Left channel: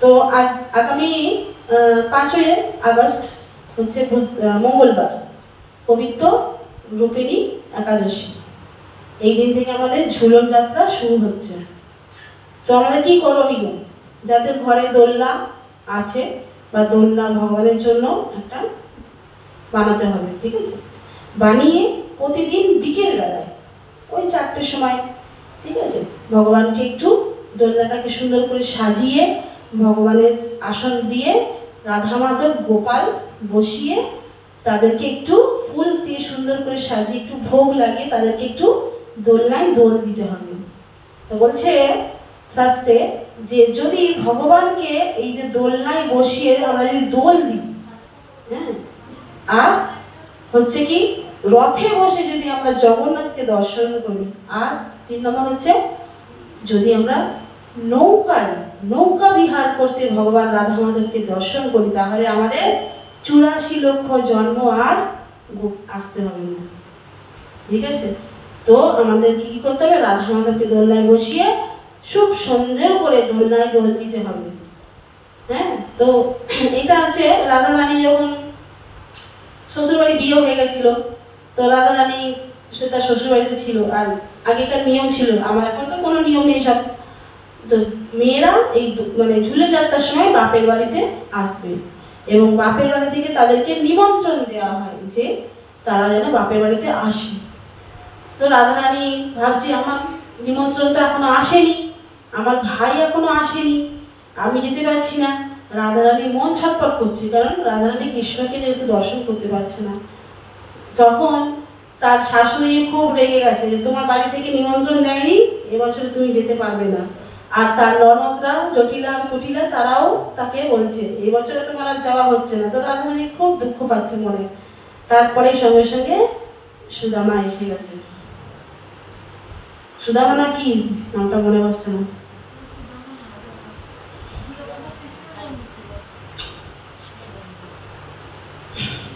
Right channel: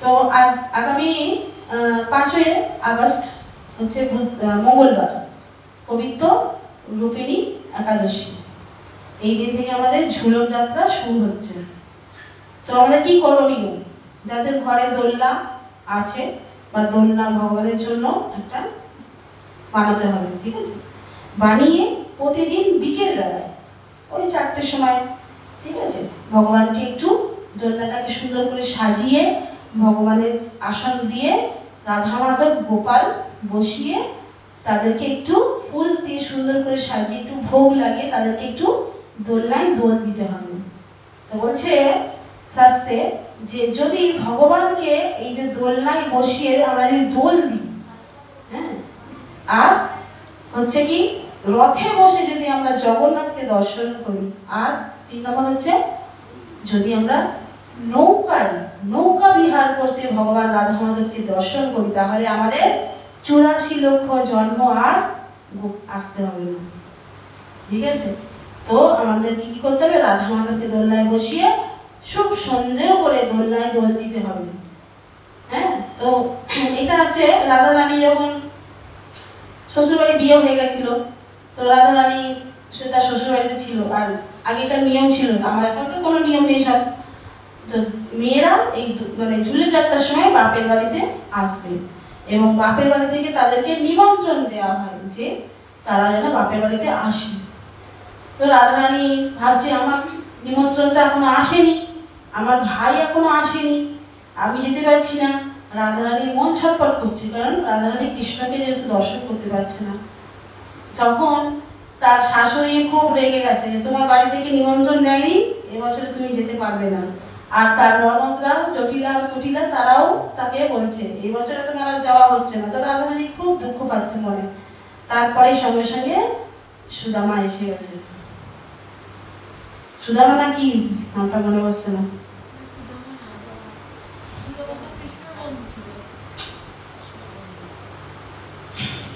তো আজ আগামী 5ই আগস্ট হচ্ছে মঙ্গলবার, পবিত্র রূপিণী একাদশী। এই দিন থেকে আমাদের ঝুলন যাত্রা শুরু হচ্ছে। তো আমাদের কি করণীয়? যাদের ঘরে দোলনা আছে বা দোলনা ভগবানের জন্য একটা বানাতে হবে, ঠিক আছে? বানিয়ে প্রতিদিন বিকেল বেলায় ওই 4টের সময়, ঠিক আছে, ভগবানকে একটু দোলনাটাকে সুন্দর করে সাজিয়ে ভগবানের আসন দিয়ে রাধা মাধব গোপাল বসিয়ে তাদেরকে একটু ফুল দিয়ে সুন্দর করে সাজিয়ে একটু ভোগ লাগিয়ে তাদেরকে একটু দোলনায় দোল দিতে হবে। তো বলছে শাস্ত্রে যে যদি ভগবানকে এই যে দোলনায় বসিয়ে আমরা যদি দোল দিই, হ্যাঁ, আর হচ্ছে কি রথে বসে যদি আমরা জগন্নাথকে দর্শন করি, আর 3 নম্বর হচ্ছে যদি আমরা নৌকা বিহার করতে ভগবান রাধা মাধবকে দর্শন করি, তাহলে আমাদের 84 লক্ষ জন্ম আর আসতে হবে না, ঠিক আছে? তো আমাদের কি করতে হবে? রাধা মাধবকে দোলনায় বসিয়ে খুব সুন্দর করে দোলনায় দোল দিতে হবে। হ্যাঁ, তো এটা হচ্ছে রাধা রানী যখন শ্বশুরবাড়ি বিয়ে হয়ে গেছিল, তো রাধা রানী সে তার শ্বশুরবাড়িতে ছিল। আর আগেকার নিয়ম ছিল, আমার এখন তো কোনো নিয়ম নেই, সব তো মেয়েরা এই মানে ঝুলের যাত্রার সময় বাপের বাড়িতে আসবে এবং বাপের বাড়ি থেকে তাদেরকে নিমন্ত্রণ দেওয়া হয় যে তারা যেন বাপের বাড়িতে আসে। তো রাধারানী ভাবছে আমার নিমন্ত্রণটা এখনো আসেনি, আমার ভাই এখনো আসেনি, আমি যেতে পারছি না। রাধারানীর মন ছটফট করছে, কারণ রাধারানী কৃষ্ণকে যেহেতু দর্শন করতে পারছে না। তখন তার শাশুড়ি খুব রেগে গেছে যে তোমার বাড়ি থেকে নিমন্ত্রণ দেয়নি, এবছরে তুমি যেতে পারবে না। আর তার ননদরা জটিলা কুটিলা তারাও তাকে বলছে এই বছরে তোমার আর যাওয়া হচ্ছে না। তো রাধারানী খুব দুঃখ পাচ্ছে মনে। তারপরে সঙ্গে সঙ্গে সুদামা এসে গেছে। সুদামা না কি নামটা মনে পড়ছে না,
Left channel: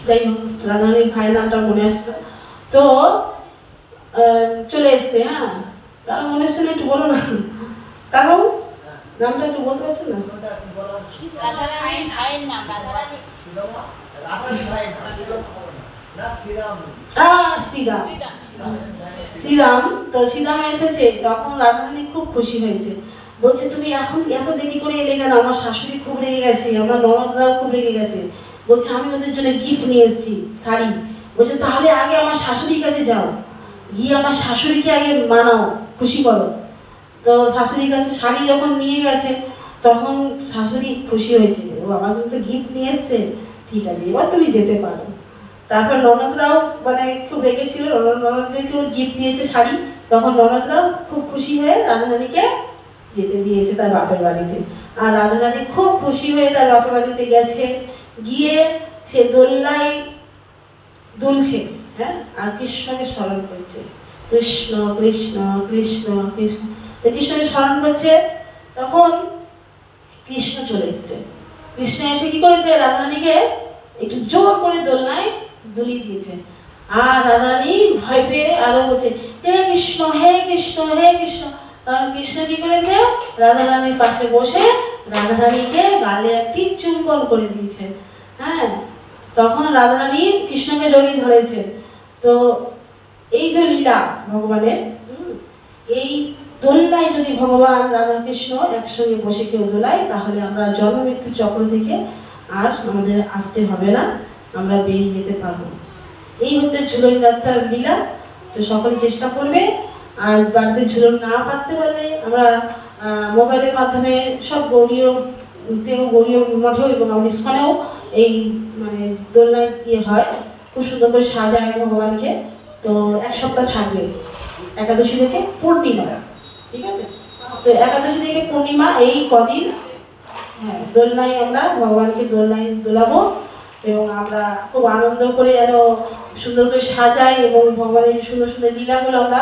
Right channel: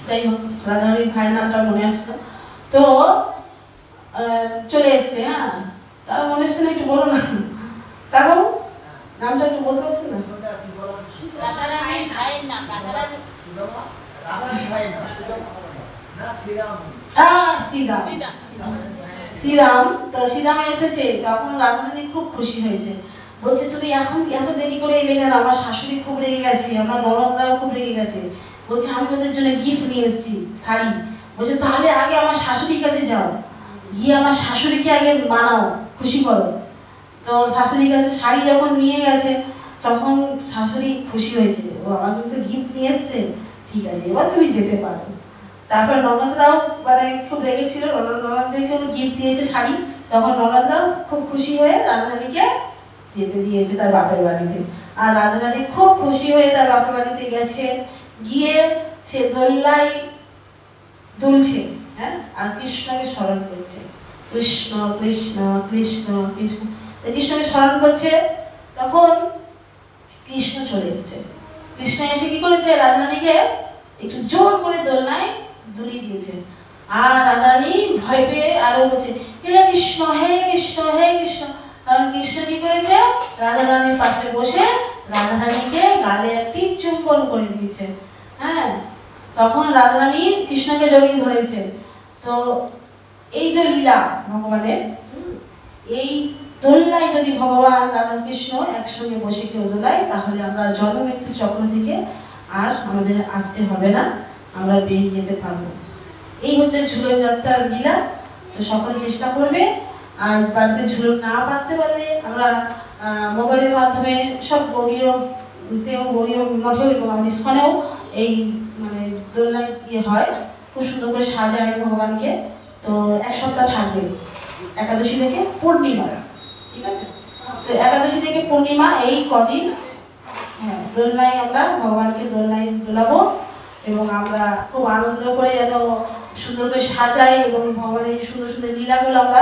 যাই হোক রাধারানীর ভাইয়ের নামটা মনে আসছে। তো চলে এসছে। হ্যাঁ, কারো মনে আসছে না? একটু বলো না কাকু, নামটা একটু বলতে পারছেন না? শ্রীরাম। তো শ্রীরাম এসেছে, তখন রাধারানী খুব খুশি হয়েছে, বলছে তুমি এখন এত দেরি করে এলে কেন? আমার শাশুড়ি খুব রেগে গেছে, আমার ননদরাও খুব রেগে গেছে। বলছে আমি ওদের জন্য গিফট নিয়ে এসেছি, শাড়ি। বলছে তাহলে আগে আমার শাশুড়ির কাছে যাও, গিয়ে আমার শাশুড়িকে আগে মানাও, খুশি করো। তো শাশুড়ির কাছে শাড়ি যখন নিয়ে গেছে, তখন শাশুড়ি খুশি হয়েছে, ও আমার জন্য তো গিফট নিয়ে এসছে, ঠিক আছে এবার তুমি যেতে পারো। তারপর ননদরাও মানে খুব রেগেছিল, ননদদেরকেও গিফট দিয়েছে শাড়ি। তখন ননদরাও খুব খুশি হয়ে রাধারানীকে যেতে দিয়েছে তার বাপের বাড়িতে। আর রাধারানী খুব খুশি হয়ে তার বাপের বাড়িতে গেছে, গিয়ে সে দোলনায় দুলছে, হ্যাঁ, আর কৃষ্ণকে স্মরণ করছে, কৃষ্ণ কৃষ্ণ কৃষ্ণ কৃষ্ণ। কৃষ্ণকে স্মরণ করছে, তখন কৃষ্ণ চলে এসছে। কৃষ্ণ এসে কি করেছে? রাধারানীকে একটু জোর করে দোলনায় দুলিয়ে দিয়েছে। আর রাধারানী ভয় পেয়ে আরো বলছে হে কৃষ্ণ হে কৃষ্ণ হে কৃষ্ণ। কারণ কৃষ্ণ কি করেছে? রাধারানীর পাশে বসে রাধারানীকে গালে একটি চুম্বন করে দিয়েছে। হ্যাঁ, তখন রাধারানী কৃষ্ণকে জড়িয়ে ধরেছে। তো এই যে লীলা ভগবানের, এই দোলনায় যদি ভগবান রাধা কৃষ্ণ একসঙ্গে বসে কেউ দোলায়, তাহলে আমরা জন্ম মৃত্যু চক্র থেকে আর আমাদের আসতে হবে না, আমরা বেরিয়ে যেতে পারবো। এই হচ্ছে ঝুলন যাত্রার লীলা। তো সকলে চেষ্টা করবে। আর বাড়িতে ঝুলন না পারতে পারলে আমরা মোবাইলের মাধ্যমে সব গৌরীয় মঠেও এবং আমাদের ইস্কনেও এই মানে দোলনায় ইয়ে হয়, খুব সুন্দর করে সাজায় ভগবানকে। তো 1 সপ্তাহ থাকবে, একাদশী থেকে পূর্ণিমা, ঠিক আছে? তো একাদশী থেকে পূর্ণিমা এই কদিন, হ্যাঁ, দোলনায় আমরা ভগবানকে দোলনায় দোলাবো এবং আমরা খুব আনন্দ করে যেন সুন্দর করে সাজাই এবং ভগবানের সুন্দর সুন্দর লীলাগুলো আমরা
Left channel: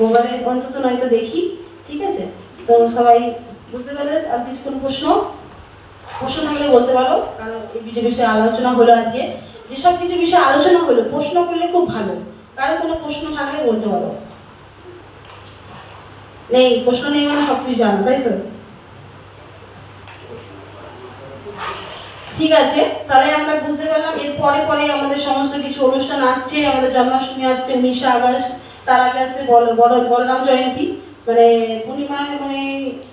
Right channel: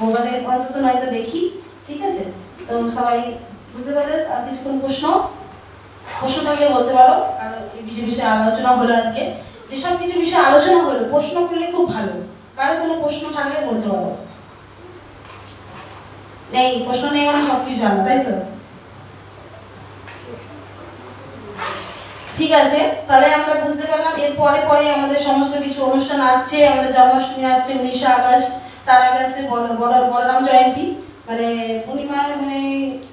মোবাইলে অন্তত নয়তো দেখি, ঠিক আছে? তো সবাই বুঝতে পারলে? আর কিছুক্ষণ প্রশ্ন থাকলে বলতে পারো, কারণ এই বিষয়ে আলোচনা হলো আজকে। যেসব কিছু বিষয়ে আলোচনা হলো, প্রশ্ন করলে খুব ভালো। কারো কোনো প্রশ্ন থাকলে বলতে পারো। নেই? প্রশ্ন নেই মানে সব কিছু জানো, তাই তো? ঠিক আছে, তাহলে আমরা বুঝতে পারলাম এর পরে পরে আমাদের সমস্ত কিছু অনুষ্ঠান আসছে। আমাদের জন্মাষ্টমী আসছে 19 আগস্ট, তার আগে আসছে বলরাম জয়ন্তী, মানে পূর্ণিমার মানে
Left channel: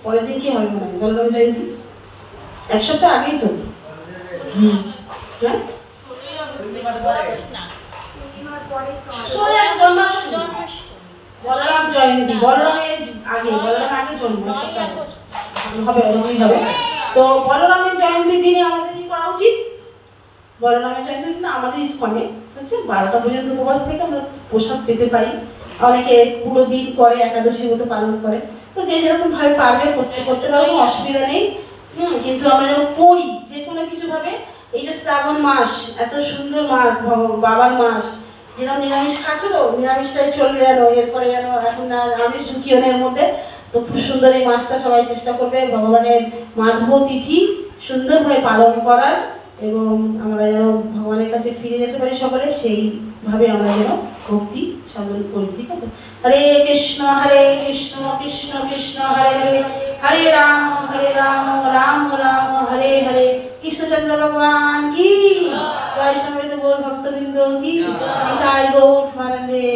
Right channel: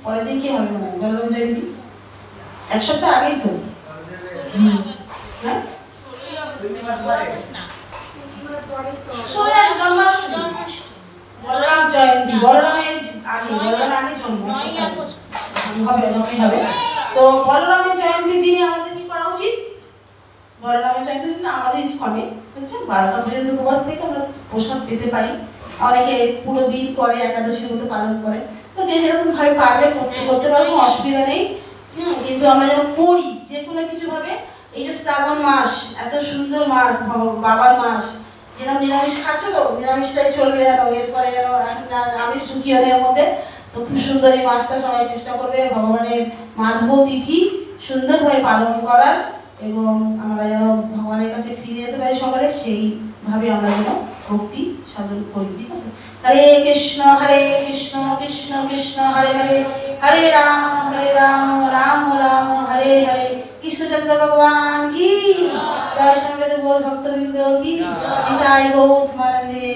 পরের দিন কি হবে মনে হয় বলরাম জয়ন্তী, এক সপ্তাহ আগেই তো। হ্যাঁ বলরাম জয়ন্তী, বলরামের আগে জন্ম হবে। তো বলরামের জয়ন্তীর দিনে আমাদের কি করা উচিত? বলরামের জয়ন্তীর দিনে আমাদের ইস্কনে হচ্ছে 12টা পর্যন্ত উপবাস থেকে আমরা প্রসাদ পেতে পারি। অনেকে পুরো দিন করে, একাদশীর মতো পালন করে। তো যে যেরকম ভাবে পারবে করতে পারবে, কোনো অসুবিধা নেই। কিন্তু আমরা যেন করি যে কোনো কিছু ভাবে। এই যে শ্রাবণ মাস, এত সুন্দর মাস, বাবার মাস, যেরকম নিরামিষ খাচ্ছ তো নিরামিষটাই চলবে যেন, এরপরে যেন এখন আমিষ ঢুকিও এর মধ্যে। তো খুব সুন্দর এই মাসটা সবাই চেষ্টা করবে ভগবানের মাধব তিথি সুন্দরভাবে পালন করার, এবং আমরা যেন ভগবানের কাছে ফিরে যেতে পারি সকলে, সেইভাবে আমরা যেন ভক্তি সাধন করি। ঠিক আছে? হরে কৃষ্ণ কৃষ্ণ কৃষ্ণ হরে হরে, হরে রাম রাম রাম হরে হরে। কৃষ্ণচন্দ্র ভগবান কি জয়, সমবেত গৌর ভক্তবৃন্দ কি, নিতাই গৌর ধর্মানন্দে।